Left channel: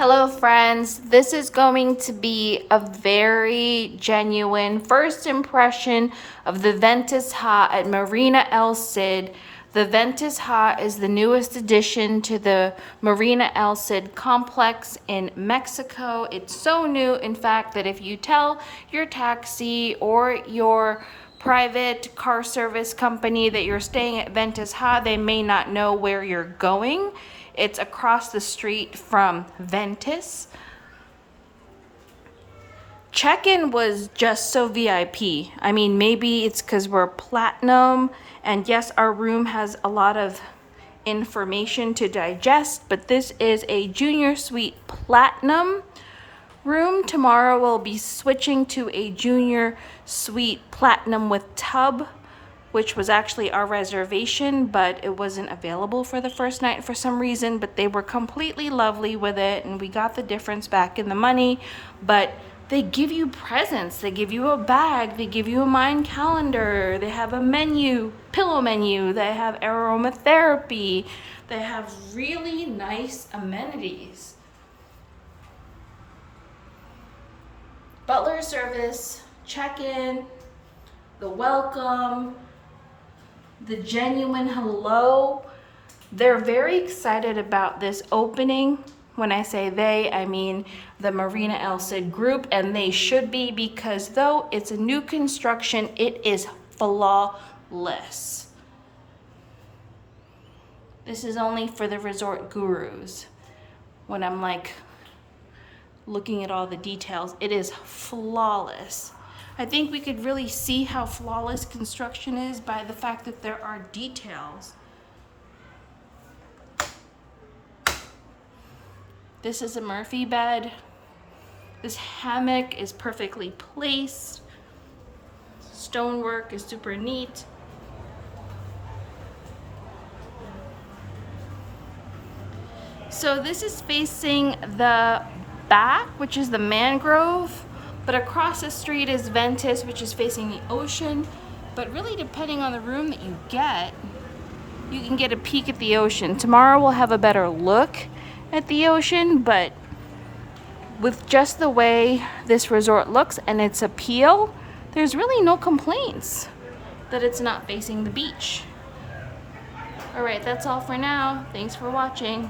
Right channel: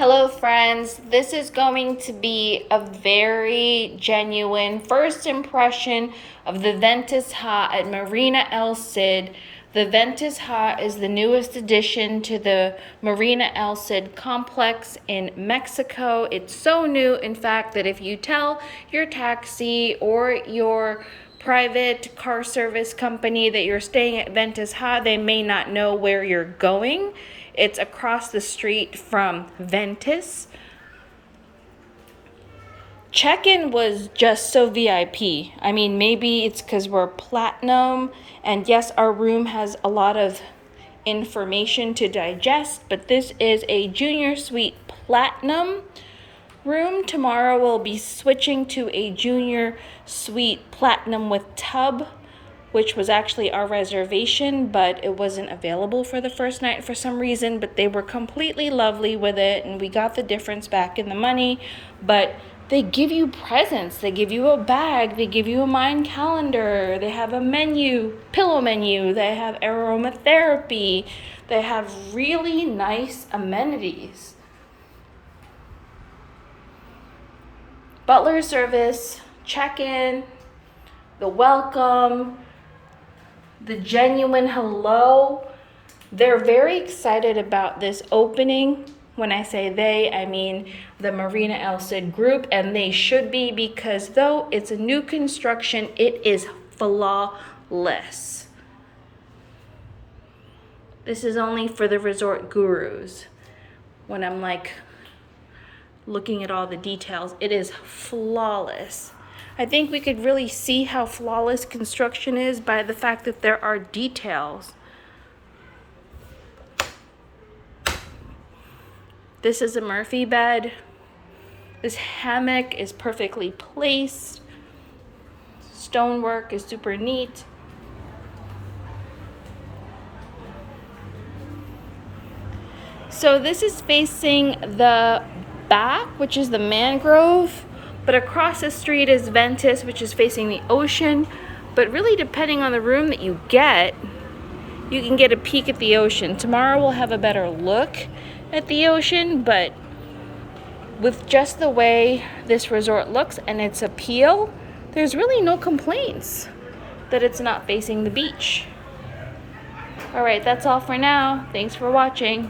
Hello friends, this is going to be a very genuine first impression of the Ventus Ha at Marina El Cid. The Ventus Ha is the newest addition to the Marina El Cid complex in Mexico. It's so new, in fact, that if you tell your taxi or your private car service company that you're staying at Ventus Ha, they may not know where you're going. It's across the street from Ventus. Check-in was just so VIP. I mean, maybe it's because we're platinum, and yes, our room has a lot of information to digest, but this is a junior suite platinum room. Tomorrow we'll be switching to a junior suite platinum with tub, which was actually our reservation, but it wasn't available for the first night for some reason, but they were completely lovely with it, and we got the difference back in the money. But they give you presents, they give you a bag, they give you a mind calendar, they have a menu, pillow menu, they have aromatherapy, they have really nice amenities. Butler service, check-in, the welcome, the genuine hello. They're very excited about this opening. When I say they, I mean the Marina El Cid group, and they should be, because though it's a new construction, it is flawless. This is only for the resort gurus. When I'm like looking at all the details, it is flawless. I think we could really see how flawless construction is by the fact that there are details. This is a Murphy bed. This hammock is perfectly placed. Stonework is super neat. So this is facing the back, which is the mangrove. But across the street is Ventus, which is facing the ocean. But really, depending on the room that you get, you can get a peek at the ocean. Tomorrow we'll have a better look at the ocean, but with just the way this resort looks and its appeal, there's really no complaints that it's not facing the beach. All right, that's all for now. Thanks for watching.